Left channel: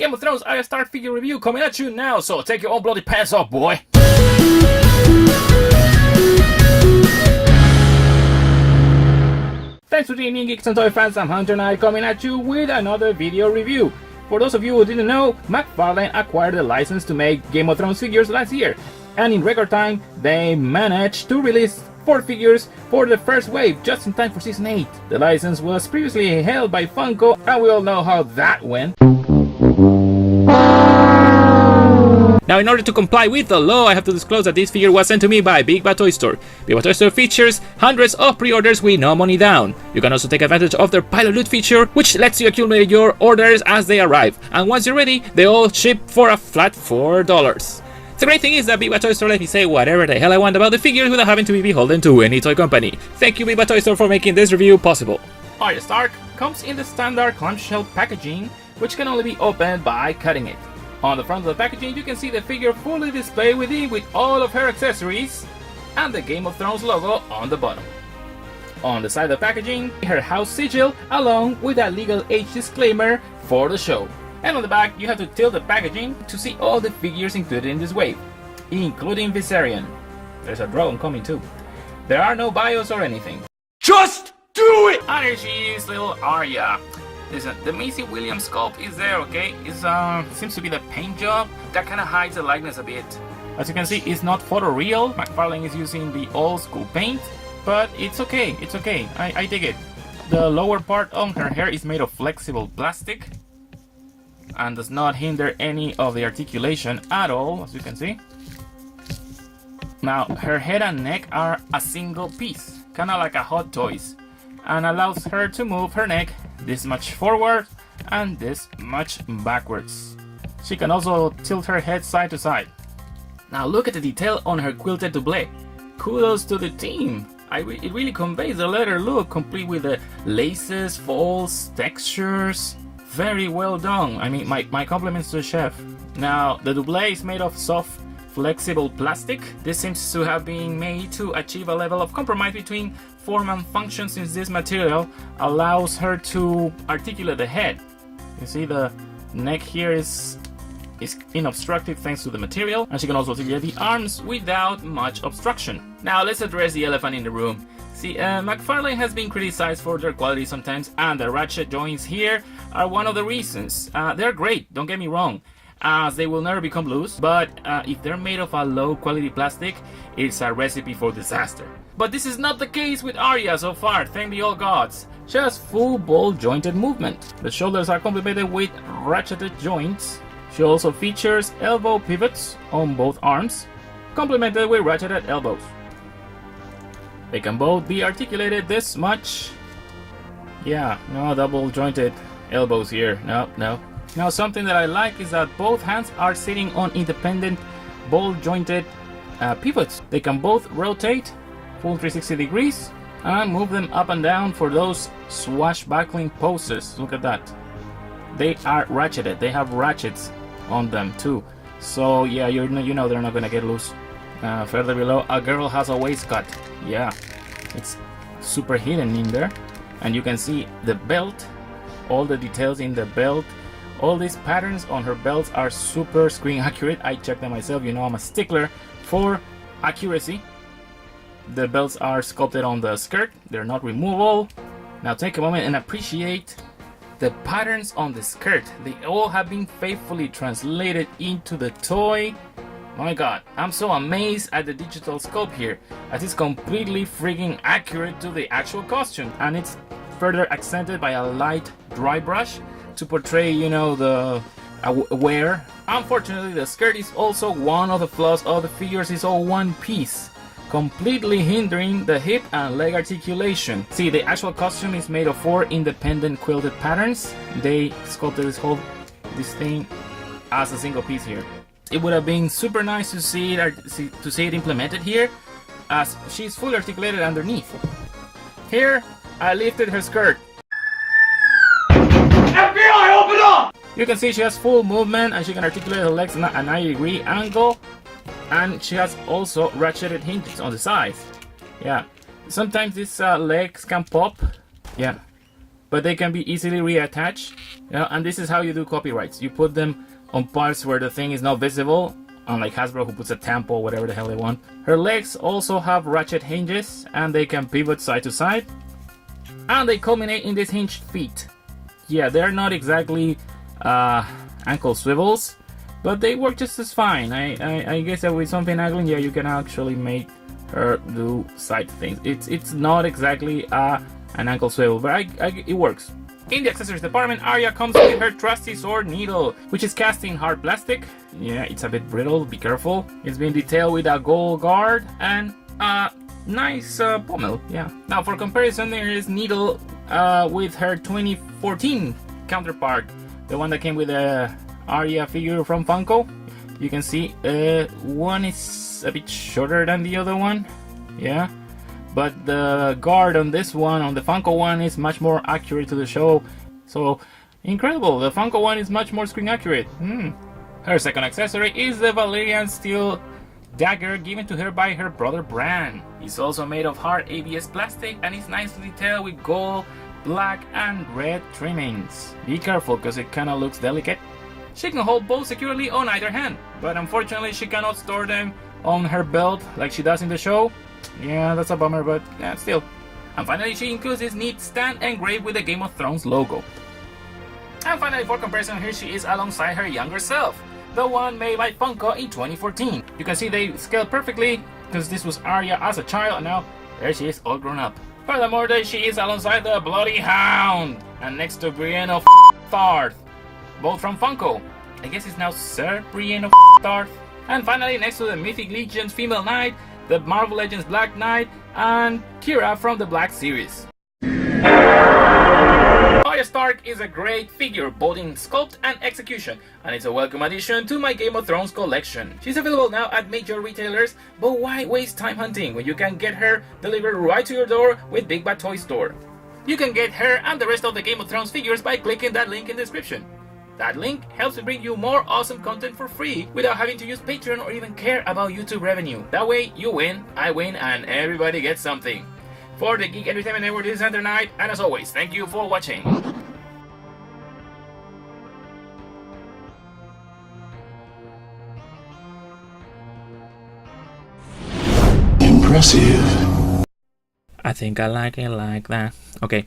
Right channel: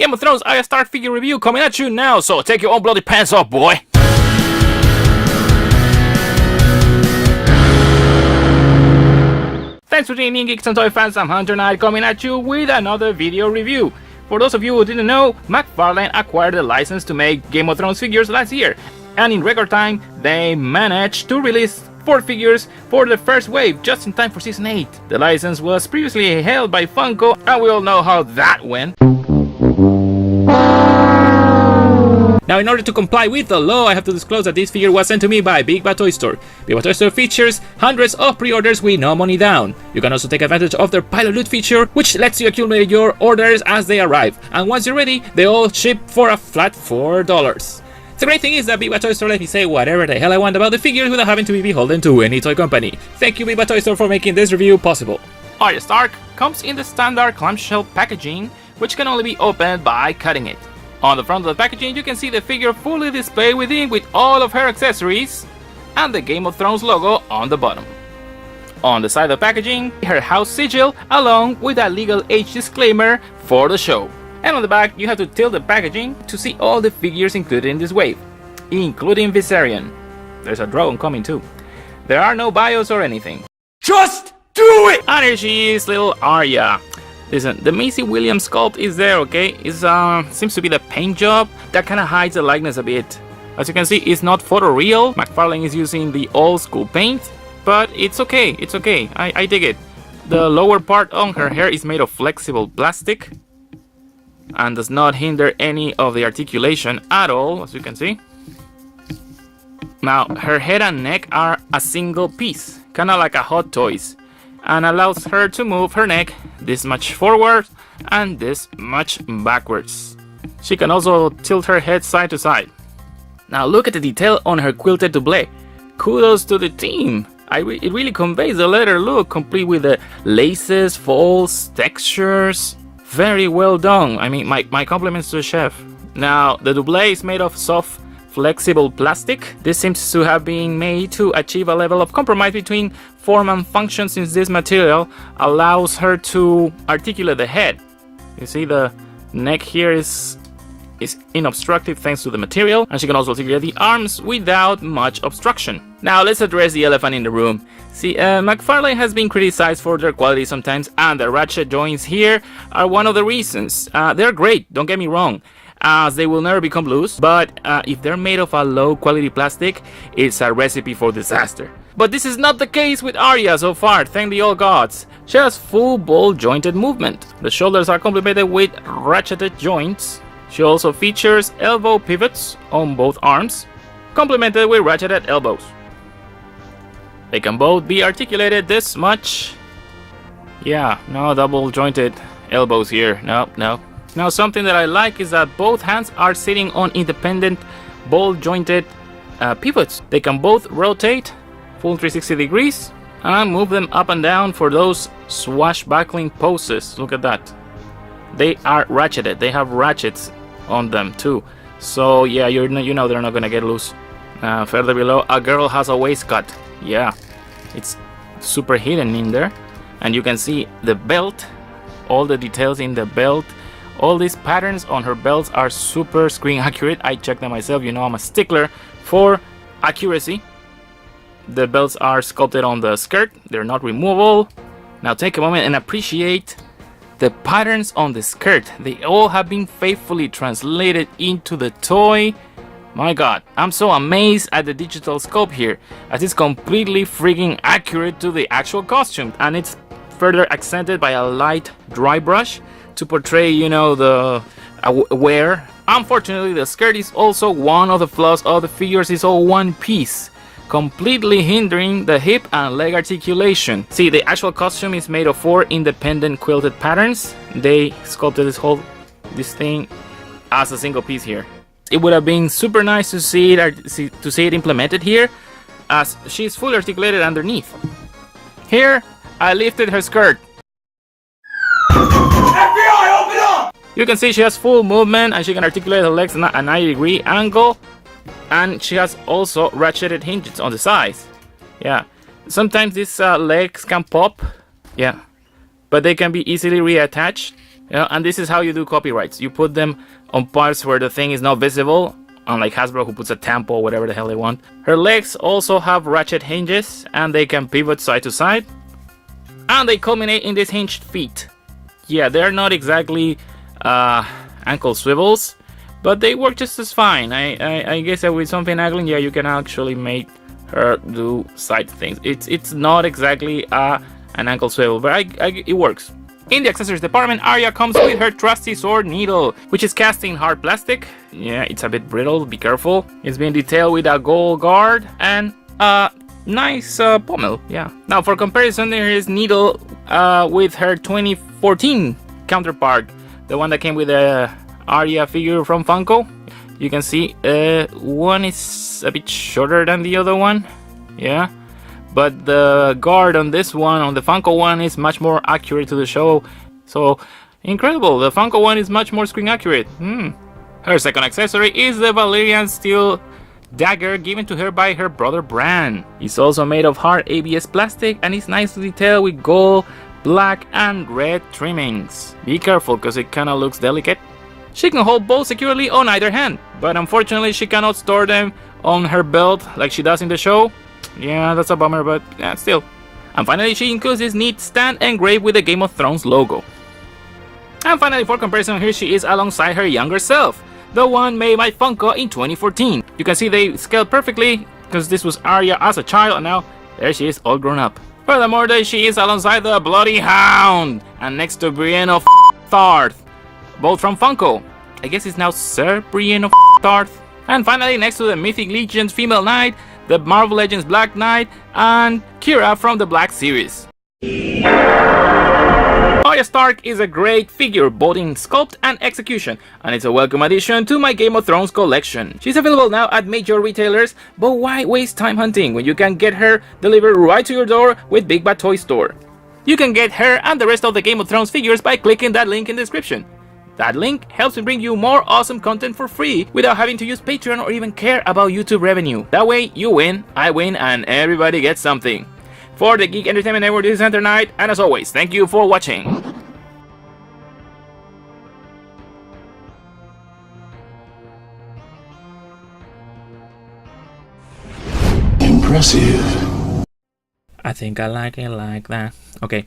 Game of Thrones Arya Stark figure review coming at you now, so take your own bloody pants off, boy! Thanks for tuning in, Geeks and Toy fans. I'm Hunter Knight coming at you with another video review. For those of you who didn't know, McFarlane acquired the license to make Game of Thrones figures last year, and in record time, they managed to release 4 figures for the first wave just in time for Season 8. The license was previously held by Funko, and we all know how that went. Now, in order to comply with the law, I have to disclose that this figure was sent to me by Big Bad Toy Store. Big Bad Toy Store features hundreds of pre-orders with no money down. You can also take advantage of their pilot loot feature, which lets you accumulate your orders as they arrive. And once you're ready, they all ship for a flat $4. The great thing is that Big Bad Toy Store let me say whatever the hell I want about the figures without having to be beholden to any toy company. Thank you, Big Bad Toy Store, for making this review possible. Arya Stark comes in the standard clamshell packaging, which can only be opened by cutting it. On the front of the packaging, you can see the figure fully displayed within with all of her accessories and the Game of Thrones logo on the bottom. On the side of the packaging, her house sigil along with a legal age disclaimer for the show. And on the back, you have to tilt the packaging to see all the figures included in this wave, including Viserion. There's a drone coming too. There are no bios or anything. Just do it! And here she is, little Arya. Listen, the Maisie Williams sculpt is there, okay? It seems to be the paint job that kind of hides the likeness a bit. As you can see, it's not photoreal. McFarlane is using the old school paint, but it's okay, it's okay. I dig it. The lower part on her hair is made of flexible plastic and does not hinder any of the articulation at all, as you can see. Now, her head and neck are a single piece, kind of like a Hot Toys, and allows her to move her neck this much forward and this much backwards. She can also tilt her head side to side. Now look at the detail on her quilted doublet. Kudos to the team. It really conveys the leather look, complete with the laces, folds, textures. Very well done. I mean, my compliments to the chef. Now the doublet is made of soft, flexible plastic. This seems to have been made to achieve a level of compromise between form and function, since this material allows her to articulate the head. You see the neck here is unobstructed thanks to the material, and she can also articulate the arms without much obstruction. Now let's address the elephant in the room. See, McFarlane has been criticized for their quality sometimes, and the ratchet joints here are one of the reasons. They're great, don't get me wrong, as they will never become loose, but if they're made of a low quality plastic, it's a recipe for disaster. But this is not the case with Arya so far, thank the old gods. She has full ball jointed movement. The shoulders are complemented with ratcheted joints. She also features elbow pivots on both arms, complemented with ratcheted elbows. They can both be articulated this much. Yeah, no double jointed elbows here, no. Now something that I like is that both hands are sitting on independent ball jointed pivots. They can both rotate full 360 degrees and move them up and down for those swashbuckling poses. Look at that. They are ratcheted. They have ratchets on them too. So yeah, you know they're not gonna get loose. Further below, a girl has a waistcut. Yeah, it's super hidden in there. And you can see the belt, all the details in the belt. All these patterns on her belts are super screen accurate. I checked them myself, you know I'm a stickler for accuracy. The belts are sculpted on the skirt, they're not removable. Now take a moment and appreciate the patterns on the skirt. They all have been faithfully translated into the toy. My god, I'm so amazed at the digital sculpt here, as it's completely freaking accurate to the actual costume. And it's further accented by a light dry brush to portray, you know, the wear. Unfortunately, the skirt is also one of the flaws of the figures. It's all one piece, completely hindering the hip and leg articulation. See, the actual costume is made of 4 independent quilted patterns. They sculpted this thing as a single piece here. It would have been super nice to see it implemented here, as she's fully articulated underneath. Here, I lifted her skirt. FBI, open up! You can see she has full movement and she can articulate her legs at a 90-degree angle, and she has also ratcheted hinges on the sides. Yeah, sometimes these legs can pop. Yeah, but they can be easily reattached. And this is how you do copyrights. You put them on parts where the thing is not visible, unlike Hasbro who puts a tempo or whatever the hell they want. Her legs also have ratchet hinges and they can pivot side to side. And they culminate in these hinged feet. Yeah, they're not exactly ankle swivels, but they work just as fine. I guess that with some finagling, yeah, you can actually make her do side things. It's not exactly an ankle swivel, but it works. In the accessories department, Arya comes with her trusty sword needle, which is cast in hard plastic. Yeah, it's a bit brittle, be careful. It's been detailed with a gold guard and a nice pommel, yeah. Now for comparison, there is needle with her 2014 counterpart, the one that came with the Arya figure from Funko. You can see one is a bit shorter than the other one, yeah. But the guard on this one, on the Funko one, is much more accurate to the show. So, incredible, the Funko one is much more screen accurate. Her second accessory is the Valyrian Steel Dagger given to her by her brother Bran. It's also made of hard ABS plastic and is nicely detailed with gold, black and red trimmings. Be careful because it kinda looks delicate. She can hold both securely on either hand, but unfortunately she cannot store them on her belt like she does in the show. Yeah, that's a bummer, but yeah, still. And finally, she includes this neat stand engraved with the Game of Thrones logo. And finally, for comparison, here she is alongside her younger self, the one made by Funko in 2014. You can see they scaled perfectly, because this was Arya as a child, and now there she is all grown up. Furthermore, there she is alongside the Bloody Hound, and next to Brienne of Tarth, both from Funko. I guess it's now Sir Brienne of Tarth. And finally, next to the Mythic Legion's female knight, the Marvel Legends Black Knight, and Kira from the Black series. Arya Stark is a great figure both in sculpt and execution, and it's a welcome addition to my Game of Thrones collection. She's available now at major retailers, but why waste time hunting when you can get her delivered right to your door with Big Bad Toy Store? You can get her and the rest of the Game of Thrones figures by clicking that link in the description. That link helps me bring you more awesome content for free without having to use Patreon or even care about YouTube revenue. That way, you win, I win, and everybody gets something. For the Geek Entertainment Network, this is Hunter Knight, and as always, thank you for watching. Impressive. I think I like it like that. Okay.